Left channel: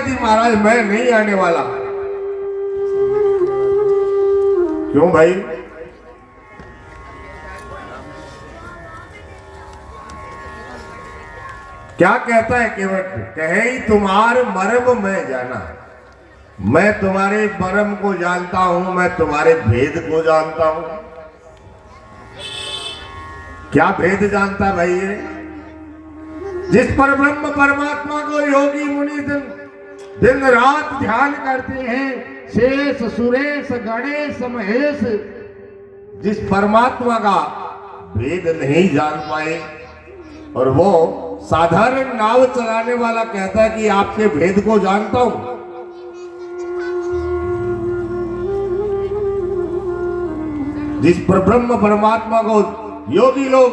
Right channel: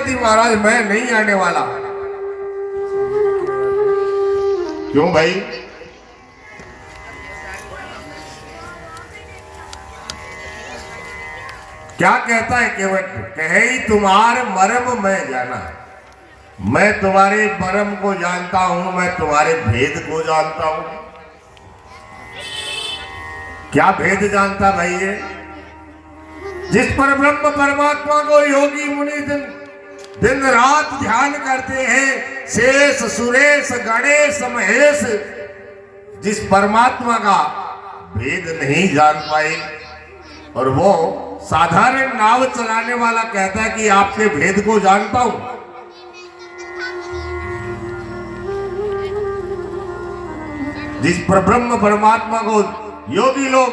कि महाराज मैं नहीं आने वाला। क्यों भाई? क्या कहता है केवट? कहे तुम्हारे मर्म मैं जाना, मैं तुम्हारे मर्म को जानता हूं, मैं तुम्हारे भेद को जानता हूं। क्या भेद जानता भाई ये? जिस पर ब्रह्म परमात्मा को योगी मुनि दिन रात ध्यान करते हैं, शेष सुरेश गणेश महेश, जिस परमात्मा का भेद नहीं जान पाए, और वो साधारण नाव चलाने वाला कहता है कि आपके भेद को जानता हूं। जिस पर ब्रह्म परमात्मा को योगी लोग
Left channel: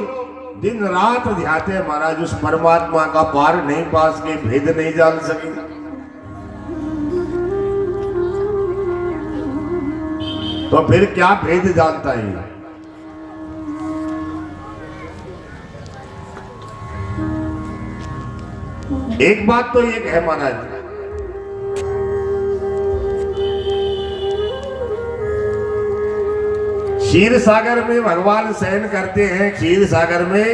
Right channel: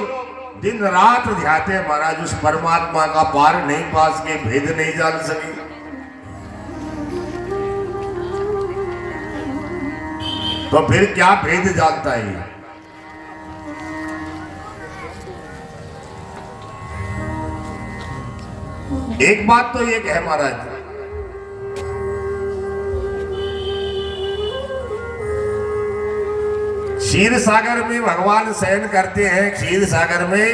दिन रात ध्याते हैं महाराज, उस परमात्मा का पार नहीं पास के, भेद नहीं जान सके। तो फिर क्या भेद जानता है? एक बात तो ये है महाराज, क्षीर सागर में भगवान शयन करते हैं, क्षीर सागर में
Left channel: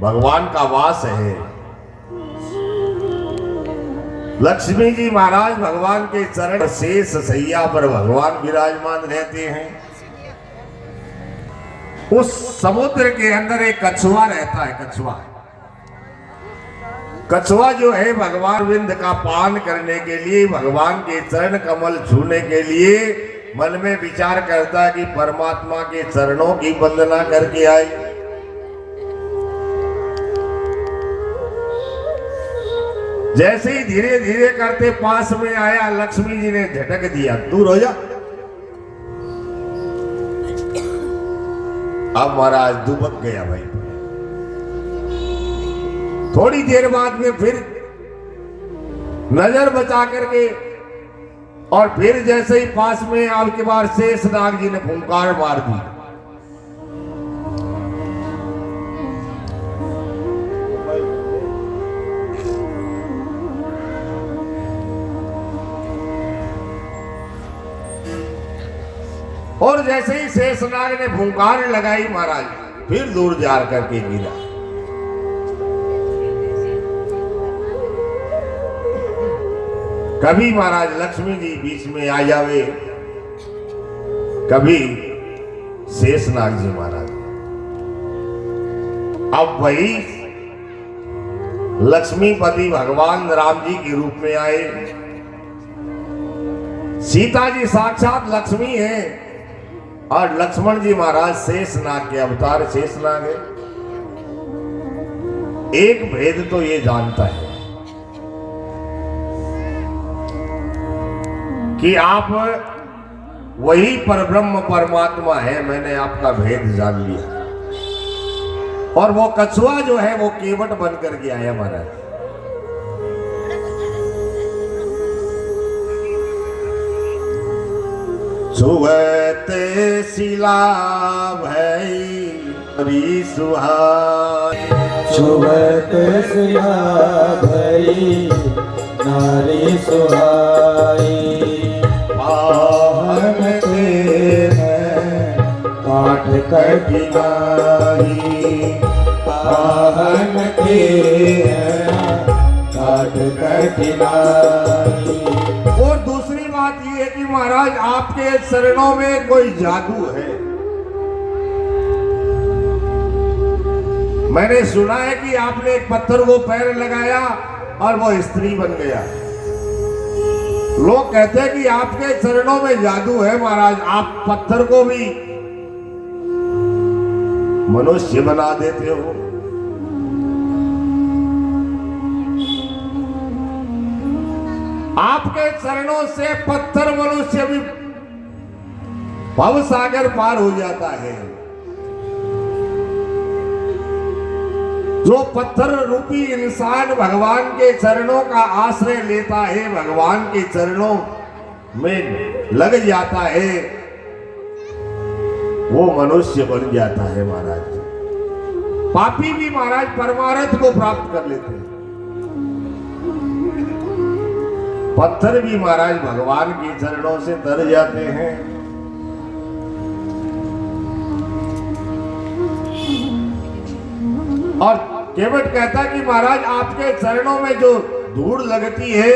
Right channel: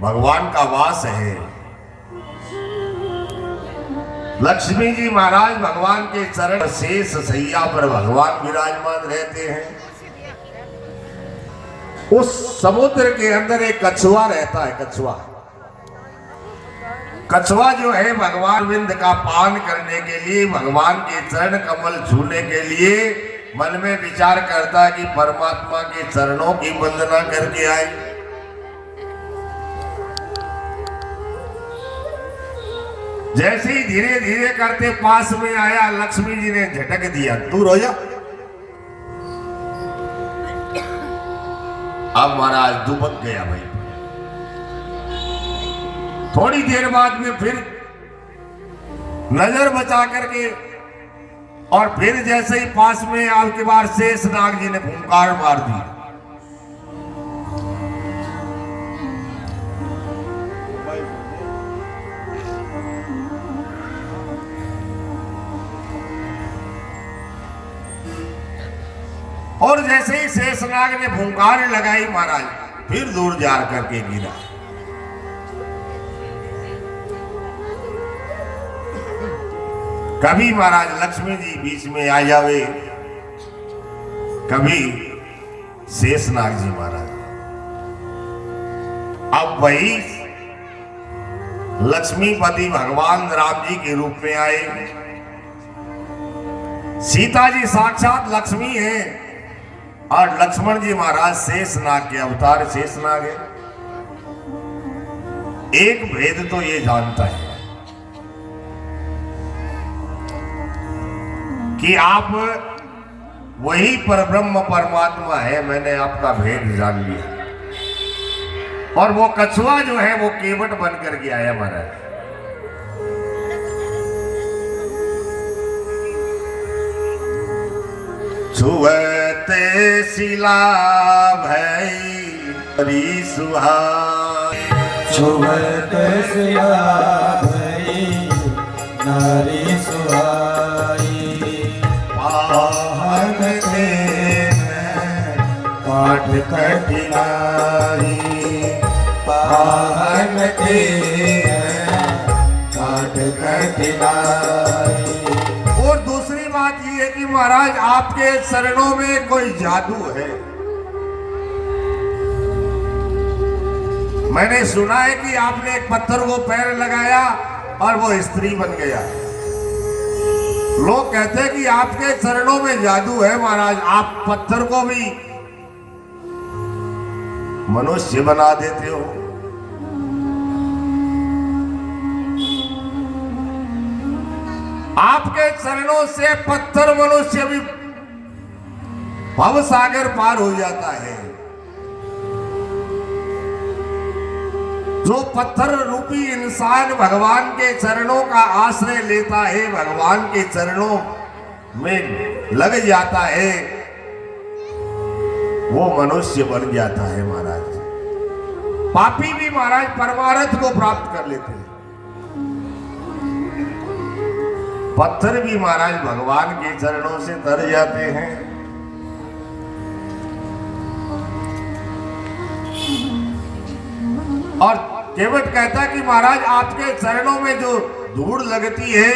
भगवान का वास है। लक्ष्मी जी महाराज भगवान के चरण शेष सैया पर भगवान विराजमान रहते हैं। उस समुद्र के अंदर एक कछुआ रहता है। कछुआ जो है भगवान विंद का पान करने के लिए, भगवान के चरण कमल छूने के लिए मन में विचार करता है कि परमात्मा के चरणों की वंदना करके आए। जैसे ही धीरे धीरे करते पास में आया, लक्ष्मी जी ने झटक दिया, दूर हो जा। अब महाराज दुबक गया भाई। थोड़ी देर बाद में फिर नजर बचा करके, और फिर जैसे ही पास में आपके बार शेष नाग जी ने फुंकार मार दी। और जैसे ही शेष नाग ने फुंकार लगाई महाराज, फिर दूर जा करके गिरा। कभी महाराज लक्ष्मी जी बीच में आ जावे, कभी शेषनाग जी महाराज। अब वही लक्ष्मीपति भगवान राम जी के रूप में आए। सीता जी साक्षात लक्ष्मी है, और लक्ष्मण जी महाराज शेषनाग के अवतार शेषनाग है। एक भेद तो ये जानता है कि आप वही परब्रह्म परमात्मा है, मैंने आपका भेद जान लिया। और वो कछुआ जो है वो केवट बन करके आया महाराज। छुअते शिला भई हरि सुहाई, छुअते शिला भई नारी सुहाई। कठिनाई पाहन के काट कठिनाई। और दूसरी बात ये है कि महाराज आपके चरणों में कोई जादू है। मैंने सुना है कि आपने एक पत्थर को पैर लगाया और वो स्त्री बन गया। लोग कहते हैं कि आपके चरणों में जादू है महाराज, आप पत्थर को भी मनुष्य बना देते हो। आपके चरणों से पत्थर मनुष्य भी भव सागर पार हो जाता है। जो पत्थर रूपी इंसान भगवान के चरणों का आश्रय लेता है, भगवान के चरणों में लग जाता है, वो मनुष्य बन जाता है महाराज। पापी भी महाराज परमार्थ को प्राप्त कर लेते हैं। पत्थर भी महाराज भगवान के चरणों से तर जाते हैं। और केवट कहता कि महाराज आपके चरणों में जो धूड़ लगती है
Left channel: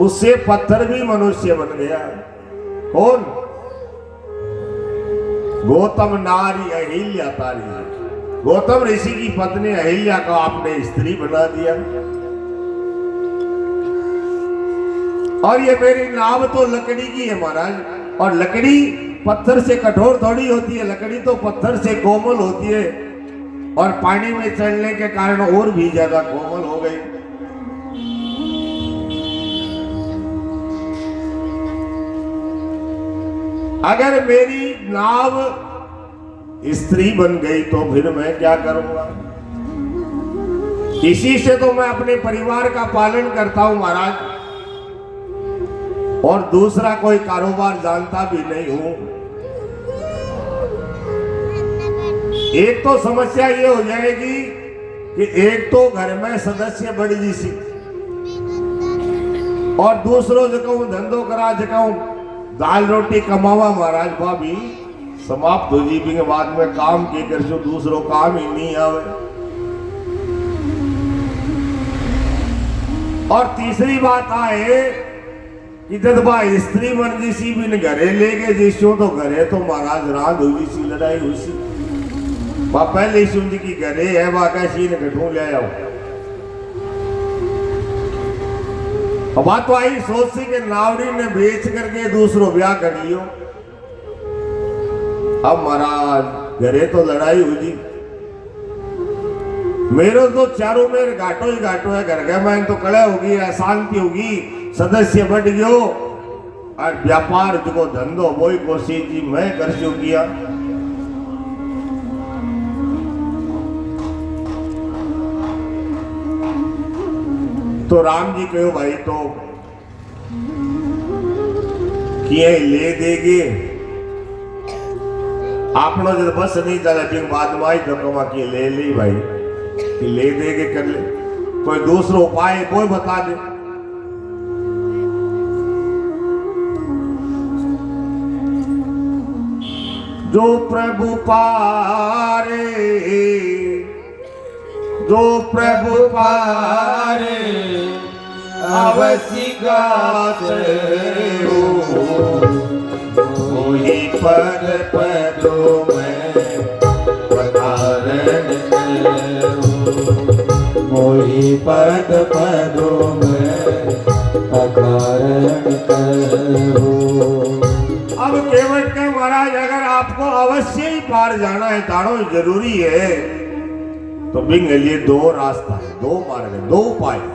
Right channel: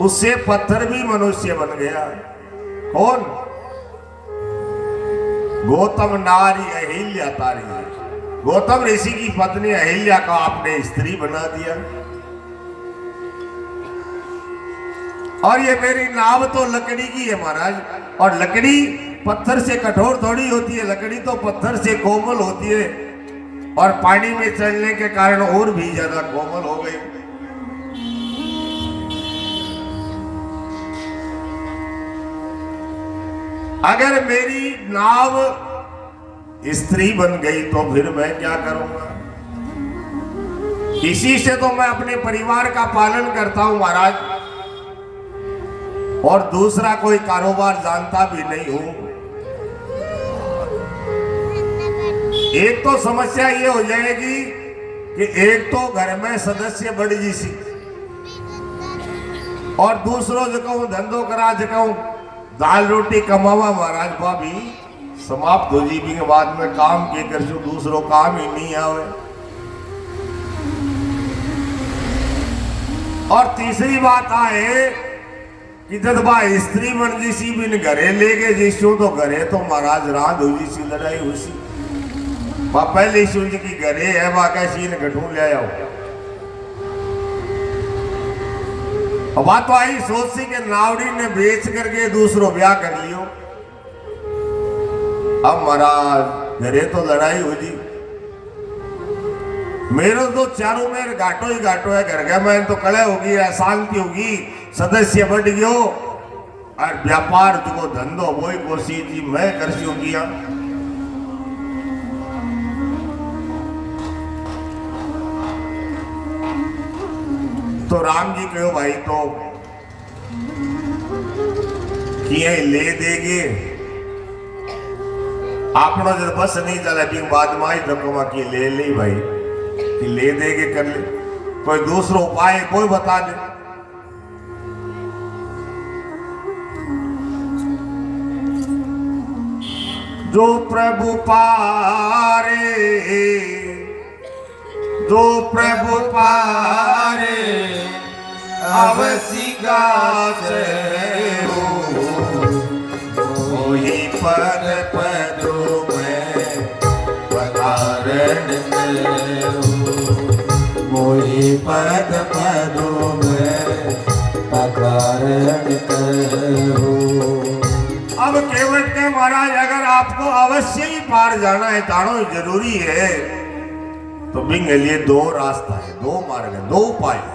उससे पत्थर भी मनुष्य बन गया। कौन? गौतम नारी अहिल्या तारी है। गौतम ऋषि की पत्नी अहिल्या को आपने स्त्री बना दिया। और ये मेरी नाव तो लकड़ी की है महाराज, और लकड़ी पत्थर से कठोर थोड़ी होती है, लकड़ी तो पत्थर से कोमल होती है, और पानी में चलने के कारण और भी ज्यादा कोमल हो गई। अगर मेरी नाव स्त्री बन गई तो फिर मैं क्या करूंगा? इसी से तो मैं अपने परिवार का पालन करता हूं महाराज, और दूसरा कोई कारोबार जानता भी नहीं हूं। एक तो समस्या ये हो जाएगी कि एक तो घर में सदस्य बढ़ जी, और दूसरों जो कहूं धंधो करा जो कहूं दाल रोटी कमावा महाराज भाभी समाप्त हो जी के बाद में काम के कर जो दूसरों काम ही नहीं आवे। और तीसरी बात आए कि जब बा स्त्री बन जी बिन घरे ले गए जिसो तो घरे तो महाराज रात हो जी सी लड़ाई हुई सी। बा पहले शिव जी की घरे है बा कैसी ने गठू ले आओ। बात तो आई सोच सी के नावड़ी ने बेच करके दूसरों ब्याह कर लियो। अब महाराज घरे तो लड़ाई हुई, मेरे तो चारों में घाटो ही घाटो है, घर घर में तो कड़े होगी, अशांति होगी, सदस्य बढ़ गयो, और व्यापार जो धंधो वो ही कोशिश जी मैं कर सू किया। तो राम जी कहो भाई तो किए ले देगे आपनो जब बस नहीं चले फिर बाद में आई रकम की ले ली भाई कि ले देगे कर ले। कोई दूसरा उपाय कोई बता दे। जो प्रभु पारे, जो प्रभु पारे अवसी गाते हो, वही पद पदों में पधारण मोहि पद पदों में पधारण करो। अब केवट के महाराज अगर आपको अवश्य ही पार जाना है, तानो जरूरी है, तो बिंग लिए दो रास्ता है, दो मार्ग है, दो उपाय है।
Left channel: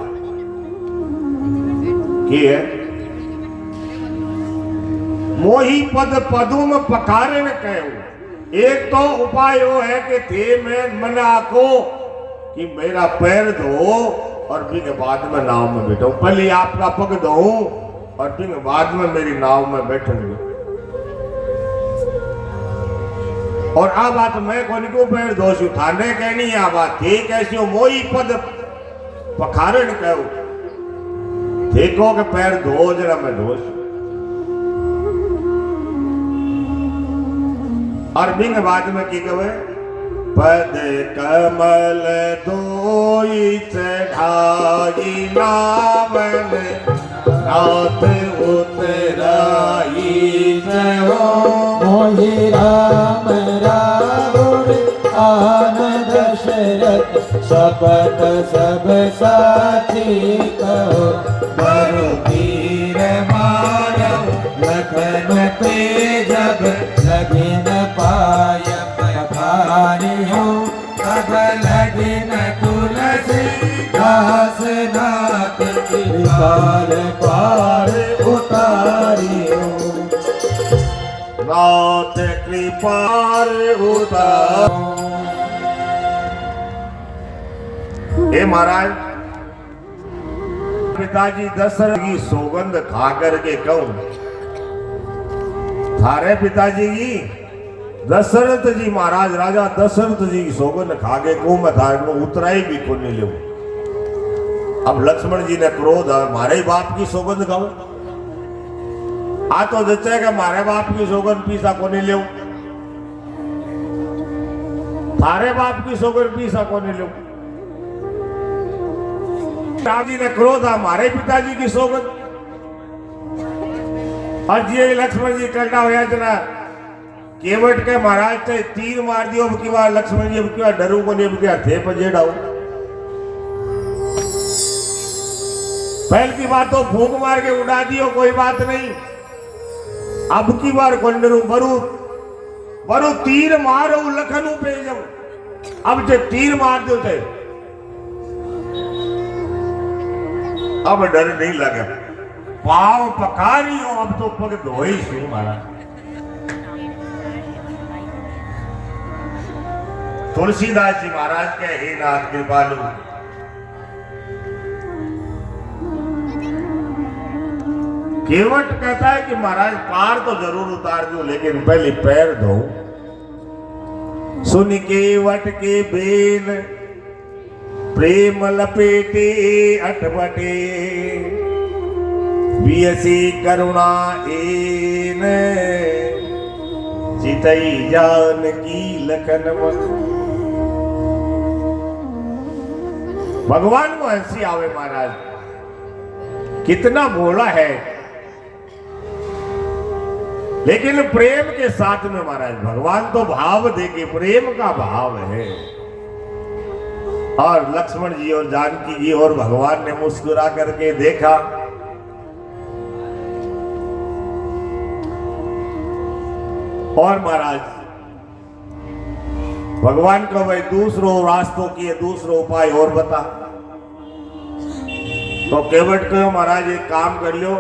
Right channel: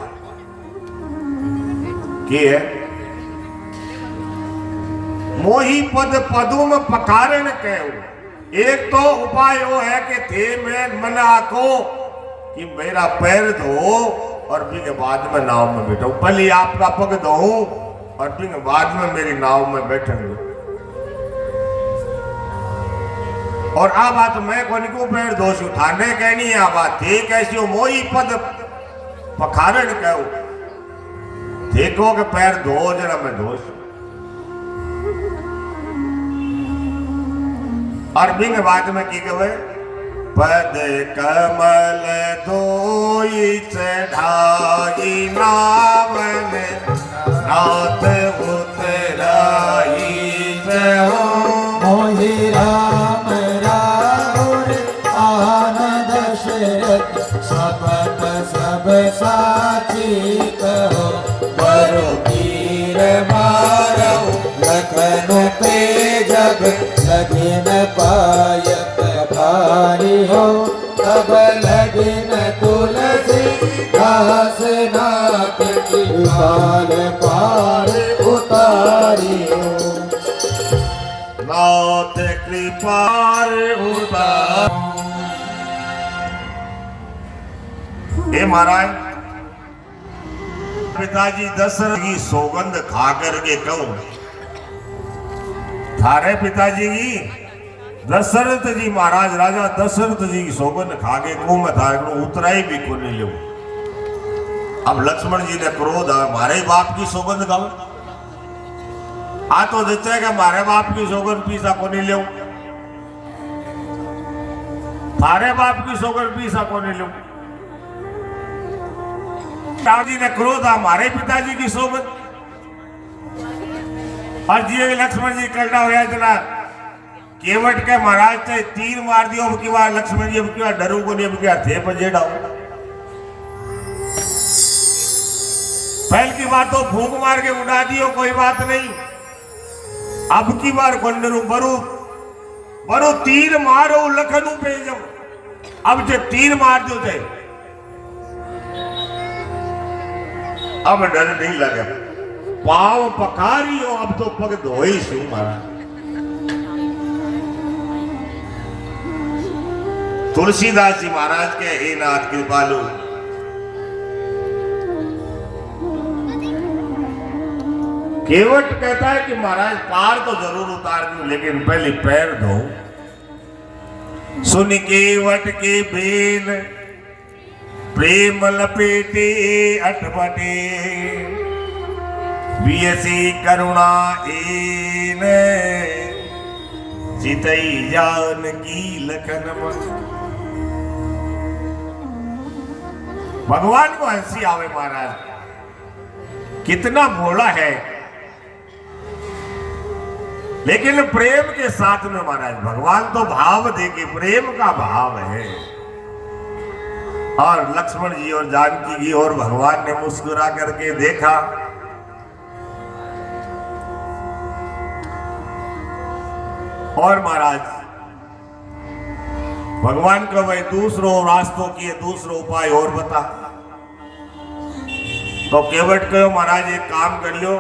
मोही पद पदुम पकारण कहो। एक तो उपाय वो है कि थे में मना को कि मेरा पैर धो और फिर बाद में नाव में बैठो। पहले आपका पग धो और फिर बाद में मेरी नाव में बैठेंगे। और आ बात मैं कौन को पैर धोशु थाने कहनी है, आ बात थे कैसी हो। मोही पद पखारण कहो, देखो के पैर धो जरा मैं धोश। और बिंग बाद में की कहे पद कमल धोई चढ़ाई नामन नाथ उतराई हो। मोहि राम राहुल आनंद शरत सपत सब साची कहो। बरु कीर मारो लखन पे जब लगिन पायत भारी हो। तब लगिन तुलसी दास नाथ की पार पार उतारी हो। नाथ कृपार उतार। हे महाराज, पिताजी दशरथ की सौगंध खा करके कहूं, थारे पिताजी की दशरथ जी महाराज राजा दशरथ जी की सौगंध खा के कहूं मैं थारे को उतराई भी को नहीं लो। अब लक्ष्मण जी ने क्रोध आवे, मारे ही बाप की सौगंध गावे, आ तो जचे कि मारे बाप की सौगंध पीसा को नहीं ले, थारे बाप की सौगंध पीसा को नहीं ले। राम जी ने क्रोध आ, मारे पिताजी की सौगंध। और जी लक्ष्मण जी कलड़ा होया जना केवट के महाराज चाहे तीर मार दियो, अब की बार लक्ष्मण जी अब की बार डरू को नहीं, अब की बार थे पजेड़ा। पहल की बार तो फूंक मार के उड़ा दियो, कोई बात नहीं, अब की बार कौन डरू, बरू बरू तीर मारो लखनऊ पे जब, अब जब तीर मार दो थे अब डर नहीं लगा, पाव पखारी हो, अब तो पग धोई सु मारा। तुलसीदास जी महाराज के हे नाथ कृपालु, केवट कहता है कि महाराज पार तो जरूर उतार दूं, लेकिन पहले पैर धो। सुन केवट के बेन प्रेम लपेटे अठमटे, बियसी करुणा एन चितई जान की लखन मन। भगवान को हंसी आवे महाराज, कितना भोला है, लेकिन प्रेम के साथ में महाराज भगवान तो भाव देके, प्रेम का भाव है। और लक्ष्मण जी और जानकी जी और भगवान ने मुस्कुरा करके देखा, और महाराज भगवान का भाई दूसरों रास्तों की दूसरो उपाय और बता। तो केवट कहो महाराज एक काम कर लो,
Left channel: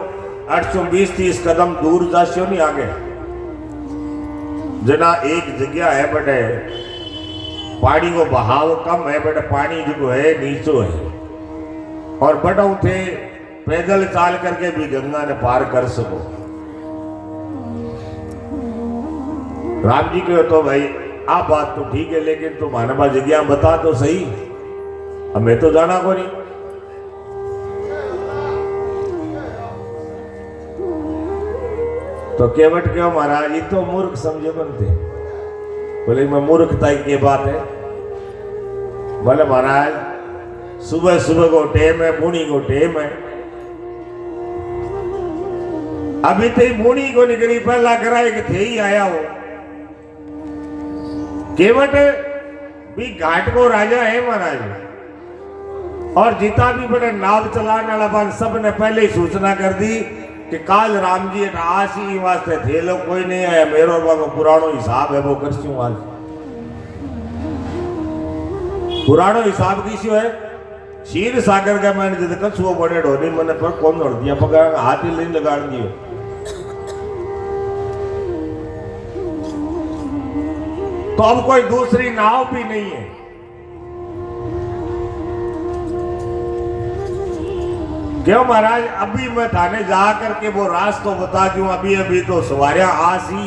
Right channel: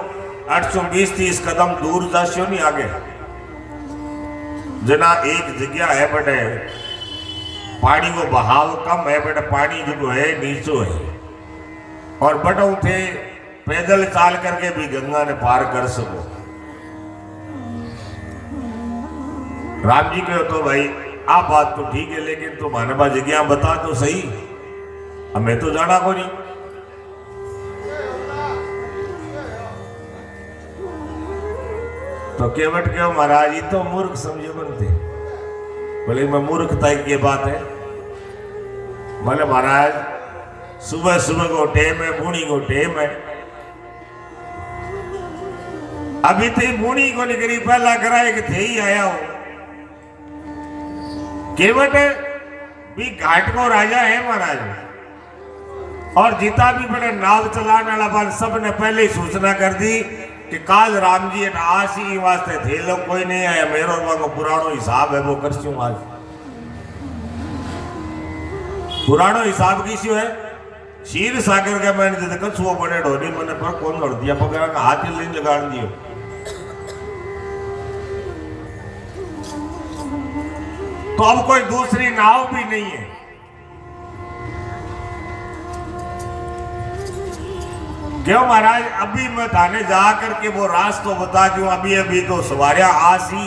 820-30 कदम दूर जाशो नहीं आगे, जना एक जगह है बटे पानी को बहाव कम है, बटे पानी जो है नीचो है, और बटा उठे पैदल चाल करके भी गंगा ने पार कर सको। राम जी कहो तो भाई आप बात तो ठीक है, लेकिन तुम मानवा जगह बता तो सही, हमें तो जाना को नहीं। तो केवट के महाराज ये तो मूर्ख समझो बनते, बोले मैं मूर्खता की बात है, बोले महाराज सुबह सुबह को टेम है, बूढ़ी को टेम है, अभी तो बूढ़ी को निकली पहला कराए कि थे ही आया हो। केवट भी घाट को राजा है महाराज, और जीता भी बड़े नाव चलाने वाला बार सब ने पहले ही सूचना कर दी कि काल राम जी आसी वास्ते थे लोग, कोई नहीं आया, मेरो और पुरानो हिसाब है वो करस्यू आज। पुरानो हिसाब की है, क्षीर सागर का मैंने जिद कछुओ बड़े ढोनी मैंने पर कौन छोड़ दिया, पकड़ा हाथ ही लीन लगा दियो। तो अब कोई दूसरी नाव भी नहीं है। क्यों महाराज अभी मैं थाने जा करके वो रास्ता बता दूं, अभी अभी तो सवारिया आसी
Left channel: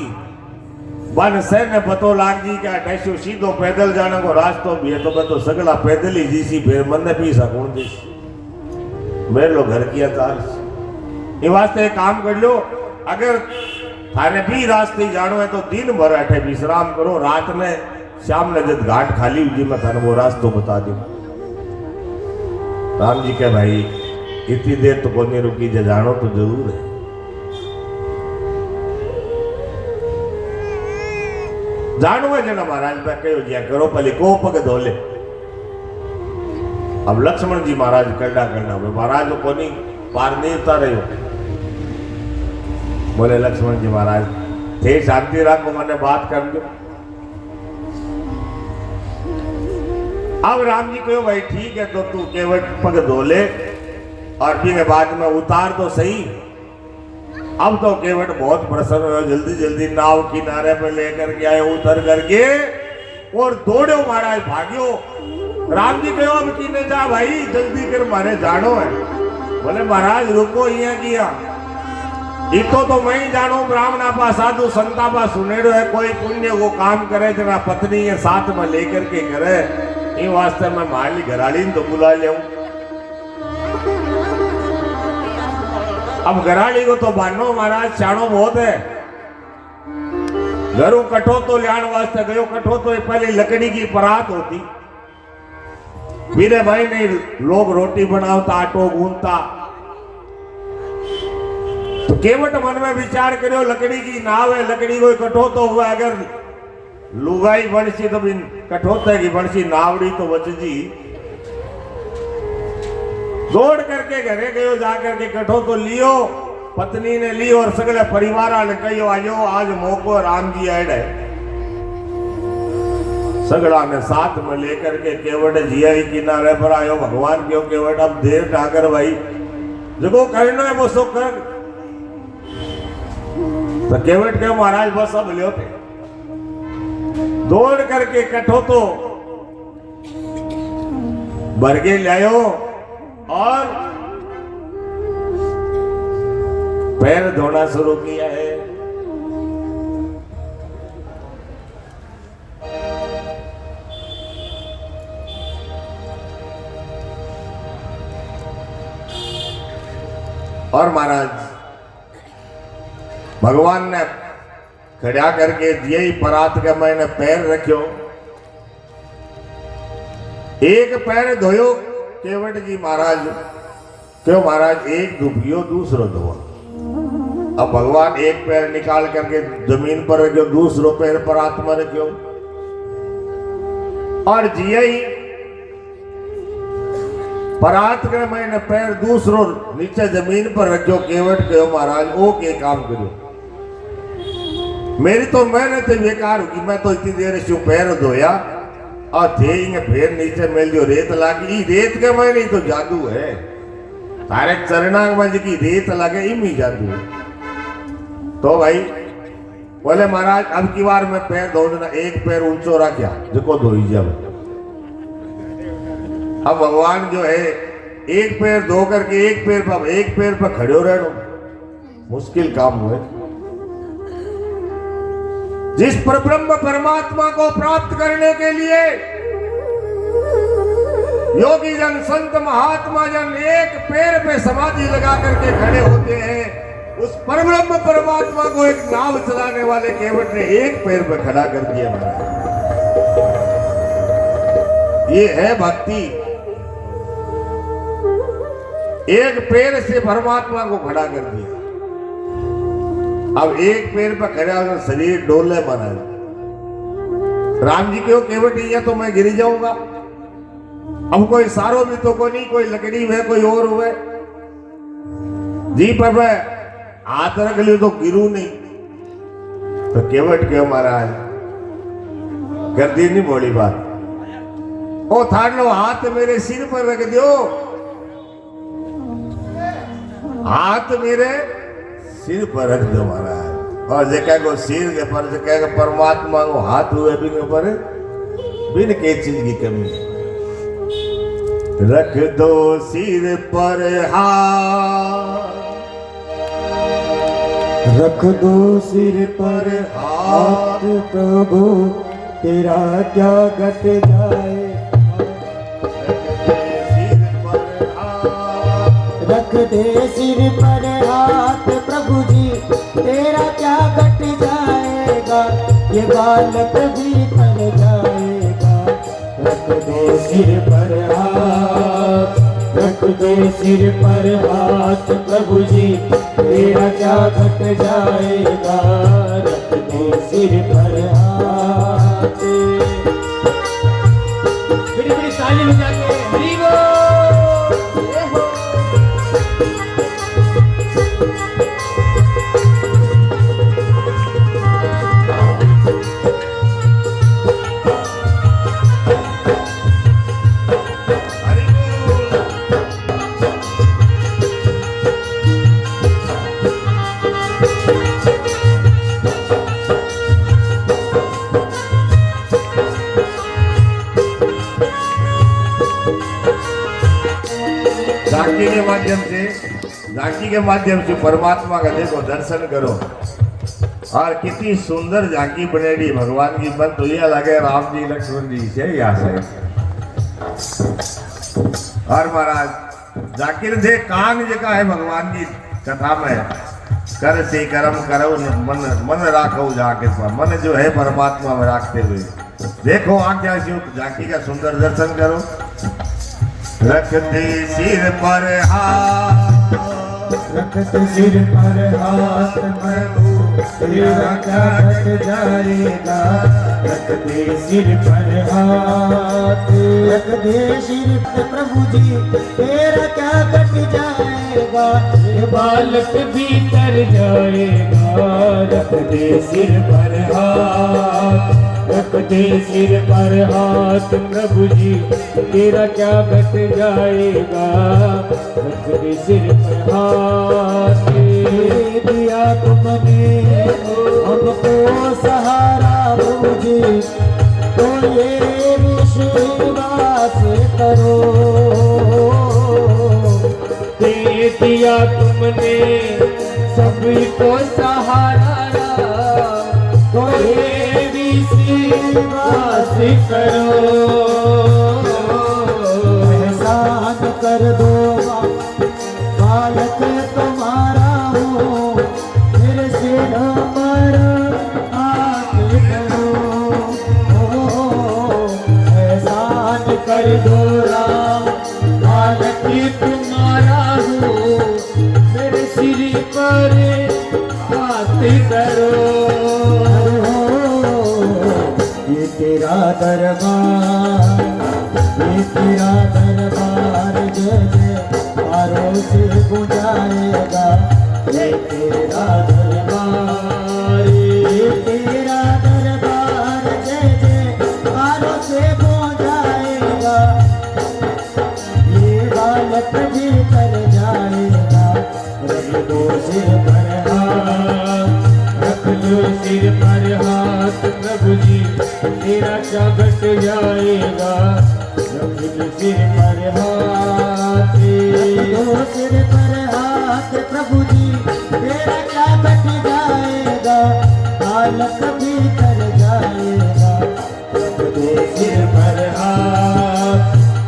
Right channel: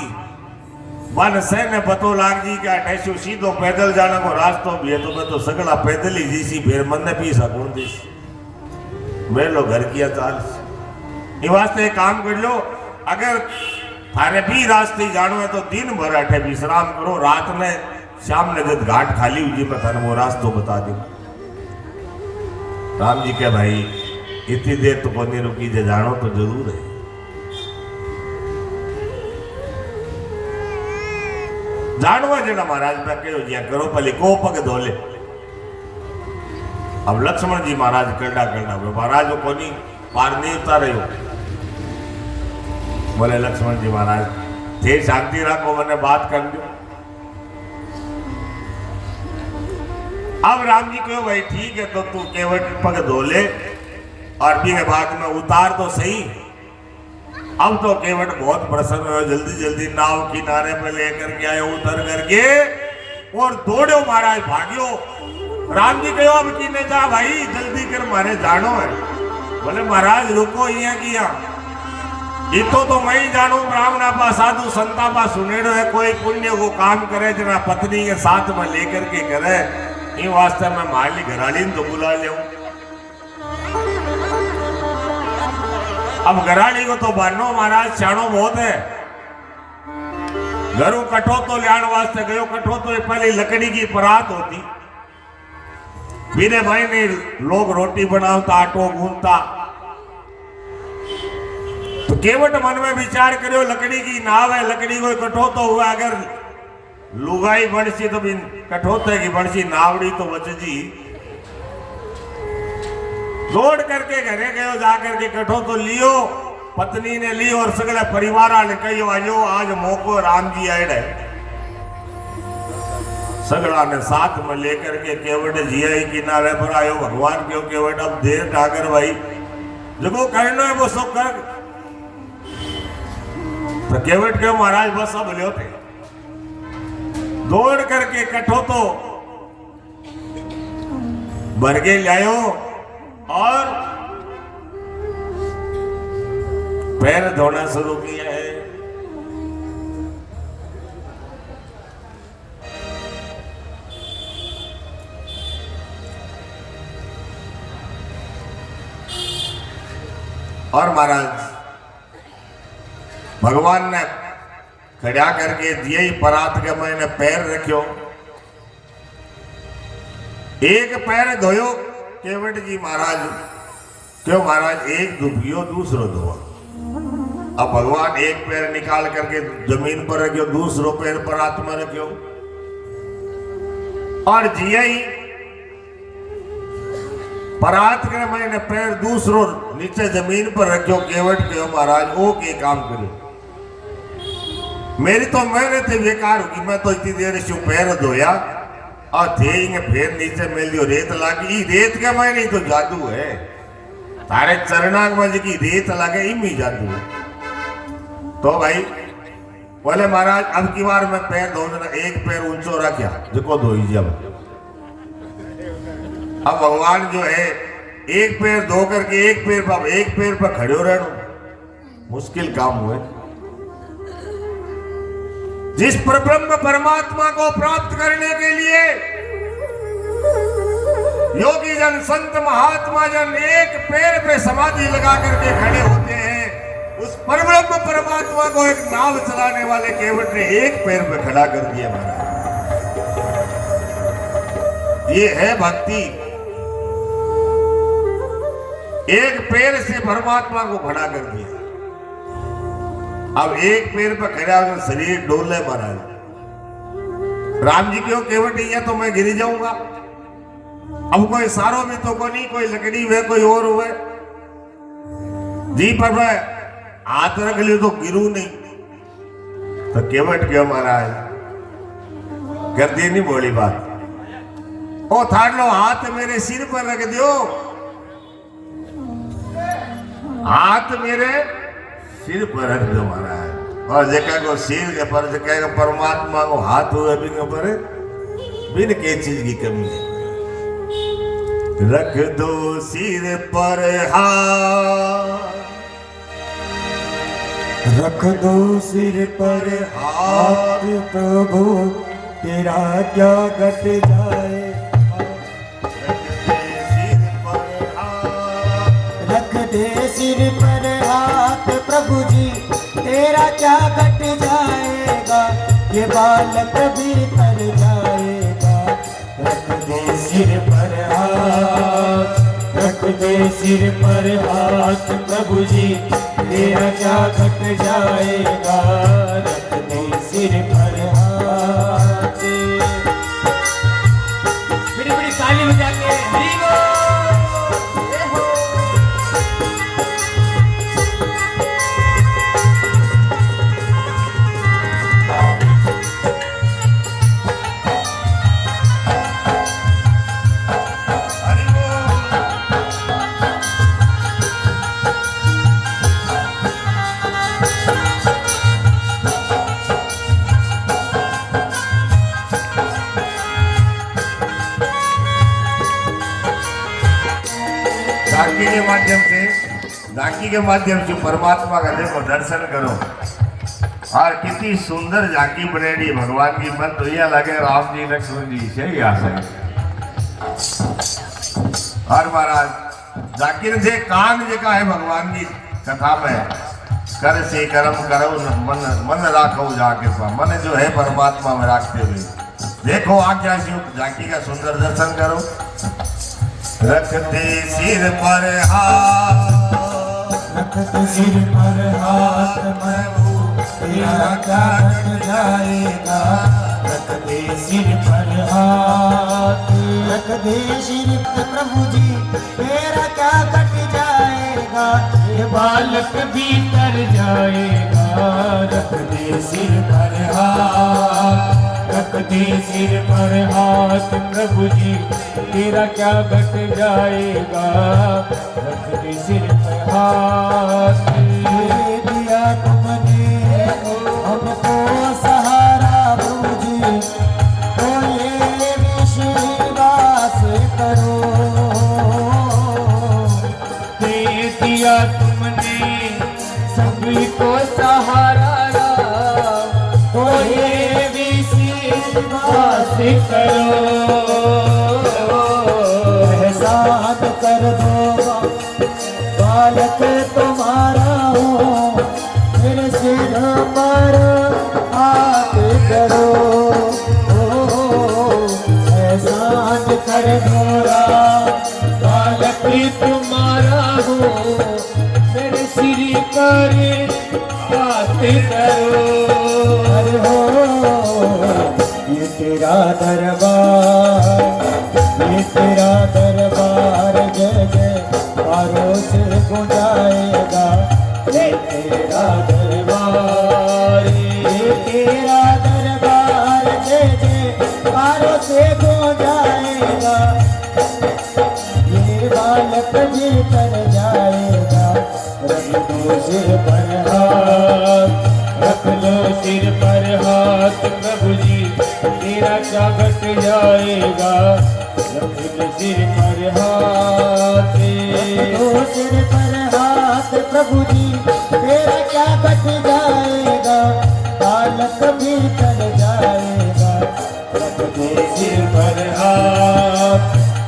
वन से ने पतो लाग जी का टैसो सीधो पैदल जाने को रास्ता भी है, तो मैं तो सगला पैदल ही जीसी, फिर मन ने पीसा कौन दिस मेरे लो घर किया चाल। ये वास्ते एक काम कर लो, अगर थाने भी रास्ते जानो है तो दिन भर अठे विश्राम करो, रात में शाम ने जब घाट खाली हुई मैं थाने वो रास्ता बता दूं। राम जी के भाई इतनी देर तो कोने रुकी जे जानो तो जरूर है। जानवा जना महाराज मैं कहो जिया करो पहले को पग धोले। अब लक्ष्मण जी महाराज करना करना महाराज को नहीं पार नहीं उतारे हो। बोले लक्ष्मण जी महाराज थे शांति रखो, मैंने बात कर दो। अब राम जी कहो भाई ठीक है, तो तू केवट पग धोले और भी के बाद में उतार तो सही। अब तो केवट बहुत प्रसन्न हुआ, जल्दी जल्दी नाव किनारे पे लेकर के आए, उतर करके और दौड़ो महाराज भाग्यो। राम जी कहो अब की नहीं जा भाई, जल्दी कर मारे जानो है। बोले महाराज रुको, ये किया इतो तो मैं ही जानो, ब्राह्मणा पा साधु संता पा सुनेड़ो है, कोई पुण्य वो काम करे जना पत्नी के साथ में लेकर के करे, इन वास्ते में माली घराली तो बुला ले। अब घराली को तो बानो महाराज चाणो बहुत है। घरों कठो तो लियाण वास्ते गयो, कठो तो पहले लकड़ी की परात होती, मेरे भाई ने लोग रोटी बनावता, आटो गूंथता, तो केवट मन में विचार करो लकड़ी की नाव है, लकड़ी को कठो तो हुआ, अगर लुगाई बढ़सी तो बिन कठोते की बढ़सी नावड़ी तो बच जी। दौड़ करके घरे गयो, जाकर के कठो तो लियो, पत्नी ने ली और सगले परिवार ने कहो आयो आज मौको राम जी आए है। सगड़ा ने साथ में लेकर के केवट जिया ही किनारे पर आयो। भगवान क्यों केवट अब देर ना कर भाई, जो करना है वो सो कर। तो केवट क्यों महाराज बस अब लियो थे। दौड़ करके कठो तो बरगे लायो और पैर धोना शुरू किया है। और महाराज भगवान ने खड़ा करके यही परात के मैंने पैर रखियो, एक पैर धोयो केवट जी महाराज, क्यों महाराज एक डूबियो दूसरो धोआ। अब भगवान एक पैर निकाल करके जमीन पर रखियो, दूसरो पैर परात में रखियो, और यही परात के मैंने पैर दूसरो नीचे जमीन पर रखियो। केवट क्यों महाराज ओ के काम करो, मेरी तो मेहनत बेकार होगी, मैं तो इतनी देर से पैर धोया और थे फिर नीचे मिल दियो रेत लागी। रेत के मैं नहीं तो जादू है, थारे चरणा में जी रेत लगे इमी जादू है। तो भाई बोले महाराज अब की बार मैं पैर धो देना, एक पैर ऊंचो रखा जो धोई जब। अब भगवान जो है एक पैर धो करके एक पैर पर खड़े रहना मुश्किल काम हुए। जिस पर ब्रह्म परमात्मा को प्राप्त करने के लिए योगी जन संत महात्मा जन एक पैर पे समाधि लगा करके खड़े होते हैं, उस परब्रह्म परमात्मा को एक नाव चलाने वाले केवट ने एक पैर पे खड़ा कर दिया महाराज। ये है भक्ति, एक पैर से परमात्मा को खड़ा कर दिया। अब एक पैर पर खड़ा अगर शरीर डोले महाराज, राम जी क्यों केवट या तो मैं गिर जाऊंगा। अब कोई सारो भी तो को नहीं, कोई लकड़ी हुए कोई और हुए जी, पर मैं हाथ रख लियो तो गिरू नहीं। तो केवट क्यों महाराज कर दी नहीं बोली बात, ओ थाड़ लो हाथ मेरे सिर पर रख दियो, हाथ मेरे सिर पर रख दो महाराज। और जेका को सिर के पर जेका को परमात्मा को हाथ हुए भी के पर बिन के चीज की कमी है। रख दो सिर पर हाथ, रख दो सिर पर हाथ प्रभु तेरा क्या घट जाए। रख दे सिर पर हाथ प्रभु जी तेरा क्या घट जाएगा, ये बालक भी तर जाएगा। रख दे सिर पर हाथ, रख दे सिर पर हाथ प्रभु जी तेरा क्या घट जाएगा। रख दे सिर पर हाथ, बड़ी बड़ी ताली बजा के हरि बोल। झांकी के माध्यम से परमात्मा का देखो दर्शन करो। और कितनी सुंदर झांकी बनेगी भगवान की, मन तो यह लगे राम जी लक्ष्मण जी से यहाँ से। और महाराज झांकी ने देख कान जगह है भगवान की, कथा में कर से कर्म करो मन मन राखो जाके मन जो है परमात्मा में रखते हुए देखो आज्ञा शिव झांकी का सुंदर दर्शन करो। रखते सिर पर हाथ, रखते सिर पर हाथ प्रभु तेरा क्या घट जाएगा। रखते सिर पर हाथ, रखते सिर पर प्रभु जी तेरा क्या घट जाएगा। ये बालक भी तर जाएगा। रखते सिर पर हाथ, रखते सिर पर हाथ प्रभु जी तेरा क्या घट जाएगा। रखते सिर पर हाथ, दिया तुमने हमको सहारा प्रभु जी तो ये विश्वास करो। दे दिया तुमने सभी को सहारा तो ये विश्वास करो। एहसान कर दो बालक तुम्हारा हूँ, मेरे सिर पर हाथ करो। एहसान कर दो बालक तुम्हारा हूँ, मेरे सिर पर हाथ करो। अरे हो ये तेरा दरबार, ये तेरा दरबार जय जय पारों से गुंजाएगा। ये तेरा दरबार, ये तेरा दरबार जय जय पारों से गुंजाएगा। ये बालक भी कर जाएगा। रख दो सिर पर हाथ, रख लो सिर पर हाथ प्रभु जी तेरा क्या घट जाएगा। रख लो सिर पर हाथ, दो सिर पर हाथ प्रभु जी तेरा क्या घट जाएगा। बालक भी कर जाएगा। रख दो सिर पर हाथ,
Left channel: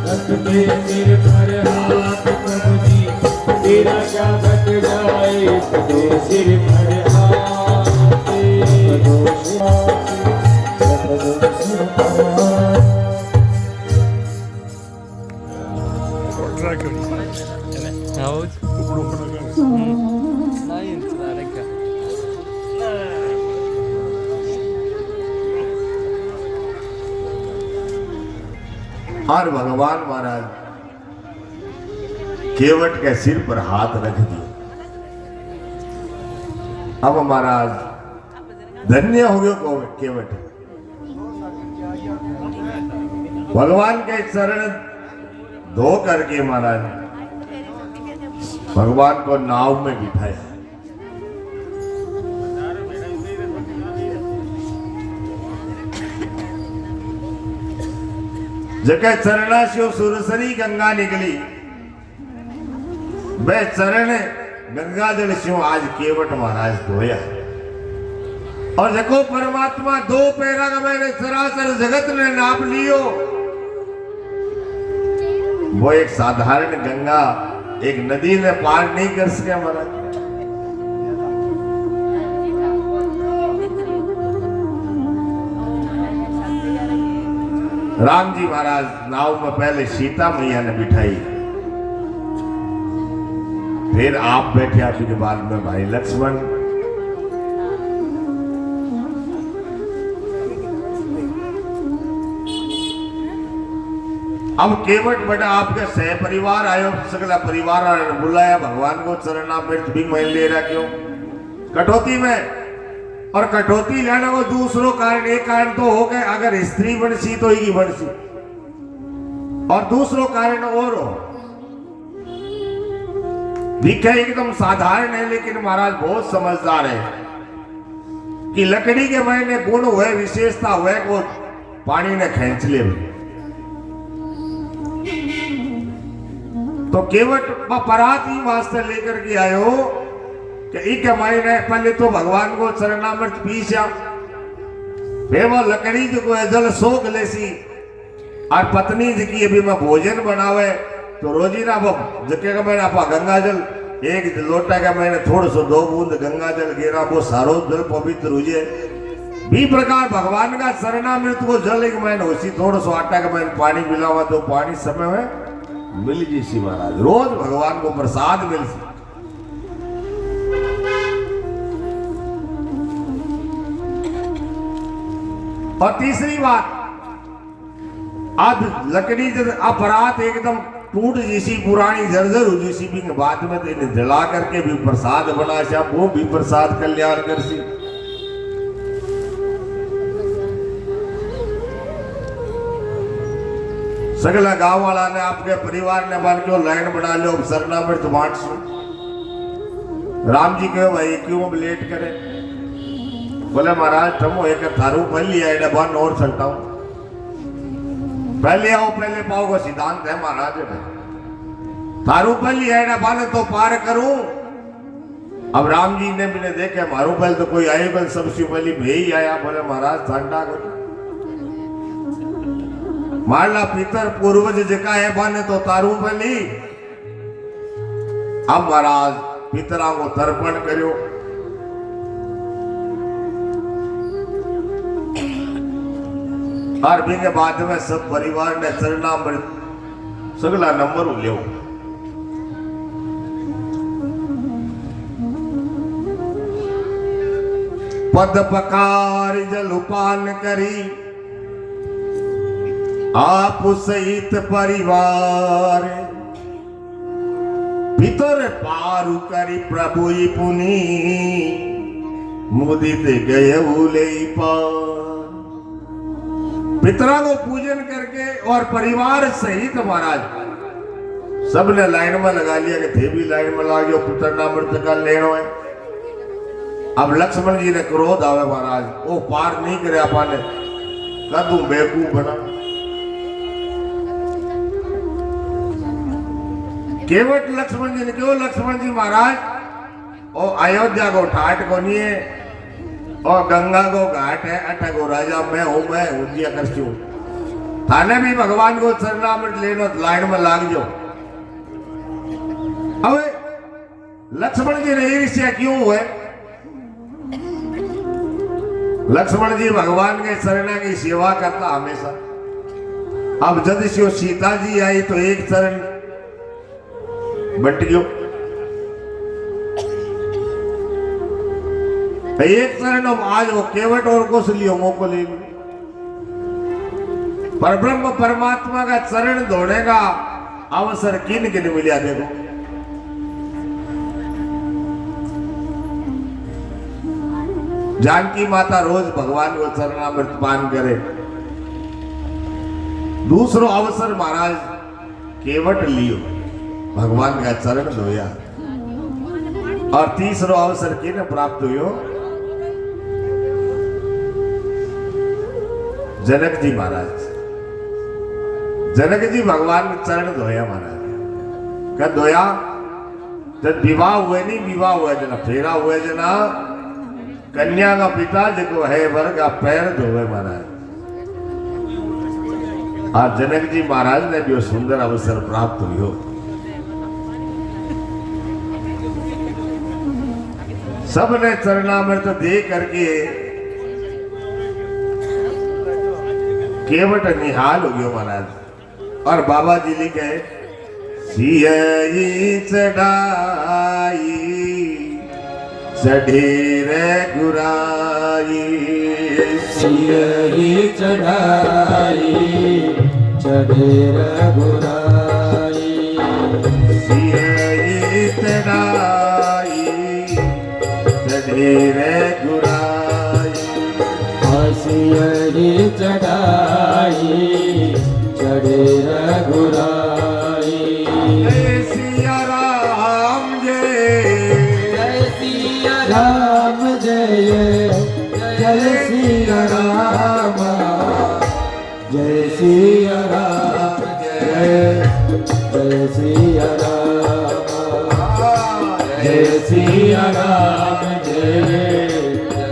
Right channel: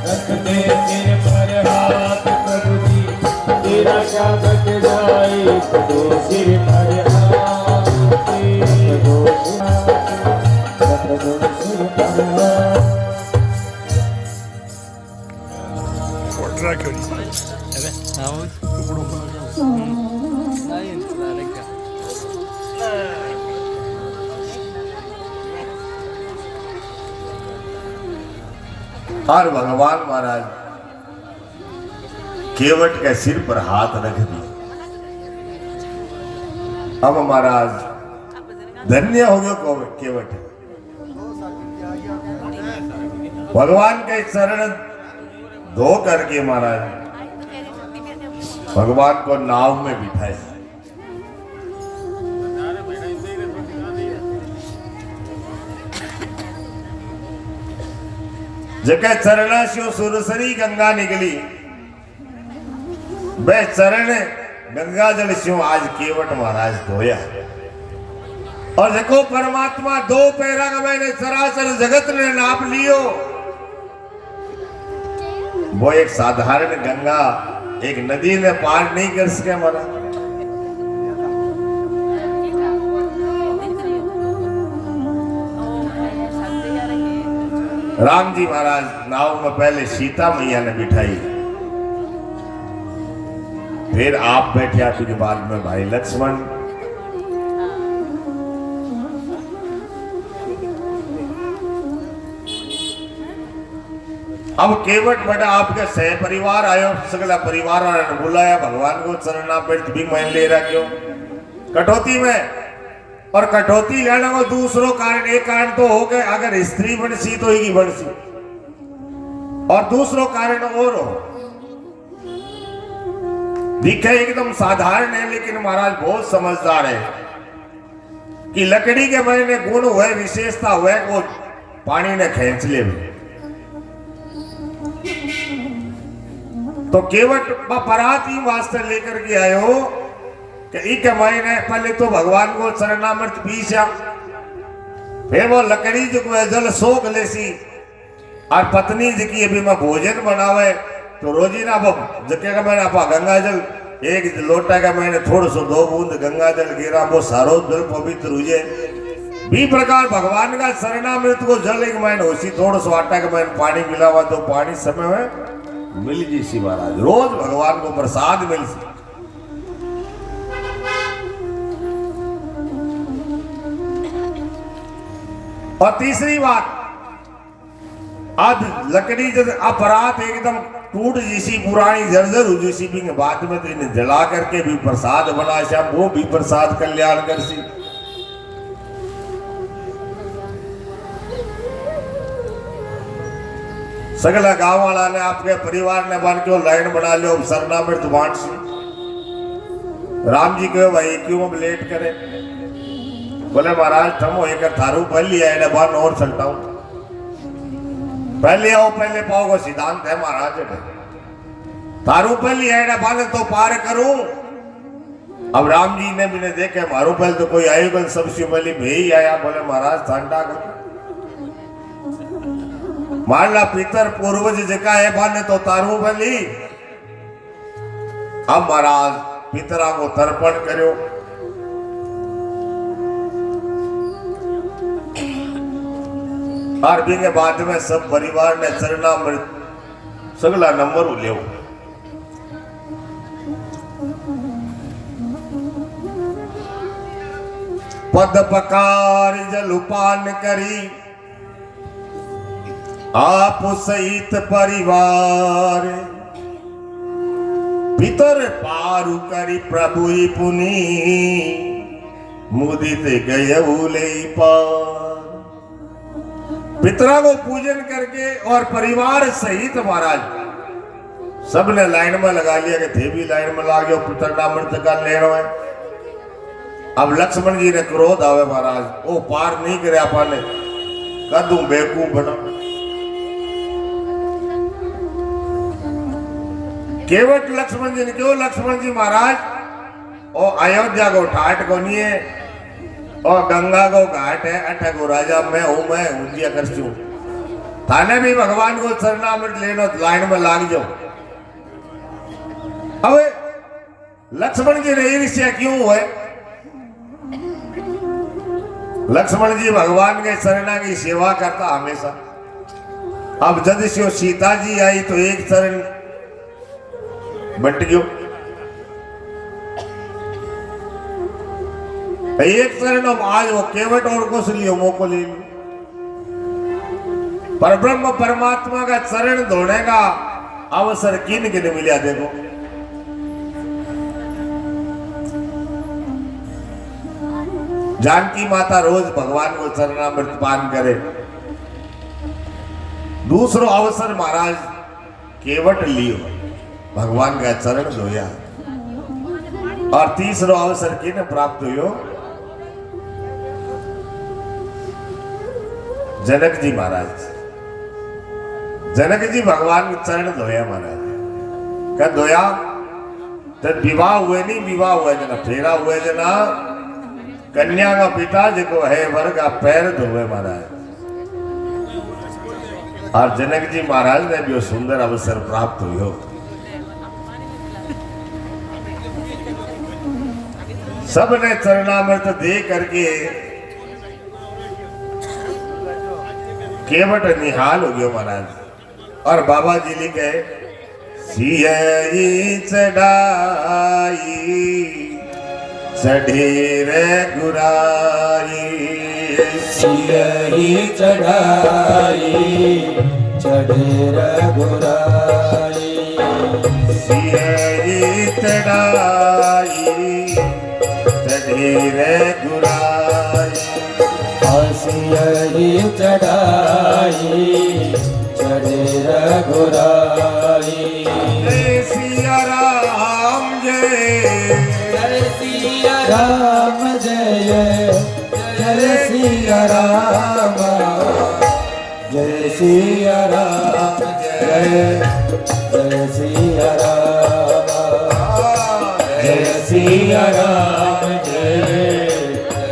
रख दे सिर पर हाथ प्रभु जी तेरा क्या घट जाएगा। दो सिर पर हाथ, दो सिर पर हाथ। और भगवान महाराज केवट के सिर पर हाथ रख दिया। अब महाराज धन्य हो गयो केवट, भगवान के चरण धो करके महाराज भगवान को नाव में बिठाया। जगह चरणा से सुरसरी गंगा निकली, वह चरण गंगा जल से आज केवट महाराज धोया। और देखो परमात्मा दो पैरा का मैंने सरासर जगत ने नाप लियो। वो एक साधारण गंगा एक नदी ने पार नहीं कर सके हमारा। राम जी महाराज नाव में पहले सीता मैया ने बिठाई, फिर आप बैठे, फिर बाद में भाई लक्ष्मण। अब केवट बेटा आपके सह परिवार आयो, सगला परिवार बुलाया भगवान को चरणामृत भी मान ले रहा क्यों कटौती में। और कटौती लेना को दूसरों कारण, एक कारण तो हो गए अगर स्त्री बनसी तो ही बनसी, और दूसरों कारण और हो दिखे एकदम साधारण है, लेकिन महाराज बहुत समझदार है कि लकड़ी के मैंने गुण हुए, विशेषता हुए को पानी ने खींच ले। तो केवट परात ही वास्ते लेकर के आयो कि एक महीने पहले तो भगवान को चरणामृत पीसा, फिर वो लकड़ी जो जल सोख लेसी, और पत्नी जी की अभी मैं भोजन बनावे तो रोजी ना जके का मैंने आप गंगा जल एक लोटा का मैंने थोड़ा सो 2 बूंद गंगा जल गिरा वो सारो जल पवित्र हो जाए। भी प्रकार भगवान का शरणामृत को जल एक मैंने उसी थोड़ा सो आटा का मैंने पानी मिलावा तो पानी समय में मिल जी सी महाराज। रोज भगवान को प्रसाद मिल सी। और तीसरी बात, अब लकड़ी जब अपराध एकदम टूट जैसी पुरानी जर्जर हो जैसी भी बाद में तो इन्हें जला करके भी प्रसाद बना सा, वो भी प्रसाद कल्याण कर सी। सगला गांव वाला ने आपके परिवार ने बन के लाइन बना लो, अब शरणामृत बांट सो। राम जी कहे भाई क्यों अब लेट करे? बोले महाराज थमो एक थारू पहली आए बन और चलता हूं। पहले आओ पहले पाओ को सिद्धांत है महाराज। थारू पहली आए बन तो पार करूं। अब राम जी ने भी देखे मारू पहले तो कोई आएगा, सबसे पहले मैं ही आया। बोले महाराज ठंडा करो, मारला पितर पूर्वज जका है बन तो तारू पहली। अब महाराज पितरा को तर्पण करो। और भी के बाद में सब परिवार ने शरणामृत सगला नंबर लियो। पद पकार जलुपान करी आप सहित परिवार। पितर पारु करी प्रभु पुनि मुदित गए भूले पार। पितरा को पूजन करके और परिवार सहित महाराज सबने लाइन में लगा लिया कि थे भी लाइन में लगा गया पितरनामृत का लेना है। अब लक्ष्मण जी ने क्रोध आवे महाराज, वो पार नहीं करे पाने कदू बेवकूफ बना। केवट लक्ष्मण जी ने क्यों लक्ष्मण जी महाराज और अयोध्या को ठाट को नहीं है और गंगा को घाट है, अठा को राजा मैं हूं, मैं उंजिया कर चू। थाने भी भगवान को शरणामृत लेना लाइन में लाग जाओ। अब लक्ष्मण जी ने ईर्ष्या क्यों है? लक्ष्मण जी भगवान के शरणा की सेवा करता हमेशा। अब जब से सीता जी आई तो एक शरण बट गयो, एक शरण अब आज वो केवट और को लियो मोको ले लो। पर ब्रह्म परमात्मा का चरण धोने का अवसर किन किन मिला देखो। जानकी माता रोज भगवान को चरणामृत पान करे। दूसरो अवसर महाराज केवट लियो भगवान का चरण धोया। और तीसरो अवसर किने प्राप्त हुयो? जनक जी महाराज। जनक जी भगवान को चरण धोया महाराज। क्या धोया? तो विवाह हुए नहीं, विवाह हुए जना फेरा हुए जना कन्या का पिता जो है वर का पैर धोवे महाराज। और जनक जी महाराज ने भी वो सुंदर अवसर प्राप्त हुए। सबने चरणामृत दे करके केवट निहाल हो गयो महाराज। और बाबा जी लिखे सियई चढ़ाई चढ़े रे गुराई। सियई चढ़ाई चढ़े रे गुराई। सियई चढ़ाई चढ़े रे गुराई। सियई चढ़ाई चढ़े रे गुराई। जय सिया राम जय, जय सिया राम जय, जय सिया राम, जय सिया राम जय, जय सिया राम, जय सिया राम जय,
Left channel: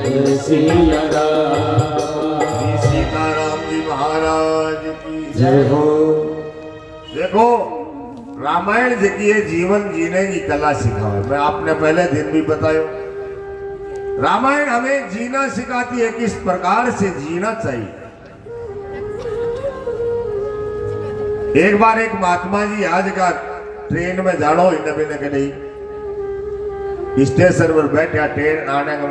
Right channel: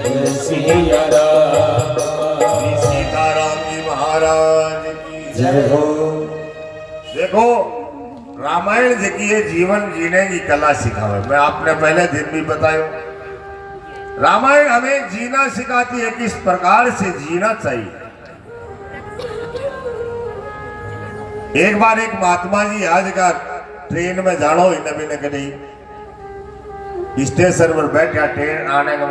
जय सिया राम। सीताराम जी महाराज की जय हो। देखो रामायण जी की ये जीवन जीने की कला सिखावे। मैं आपने पहले दिन भी बतायो, रामायण हमें जीना सिखाती है, किस प्रकार से जीना चाहिए। एक बार एक महात्मा जी आज का ट्रेन में जानो इन्हें भी न कहीं स्टेशन पर बैठा, ट्रेन आने का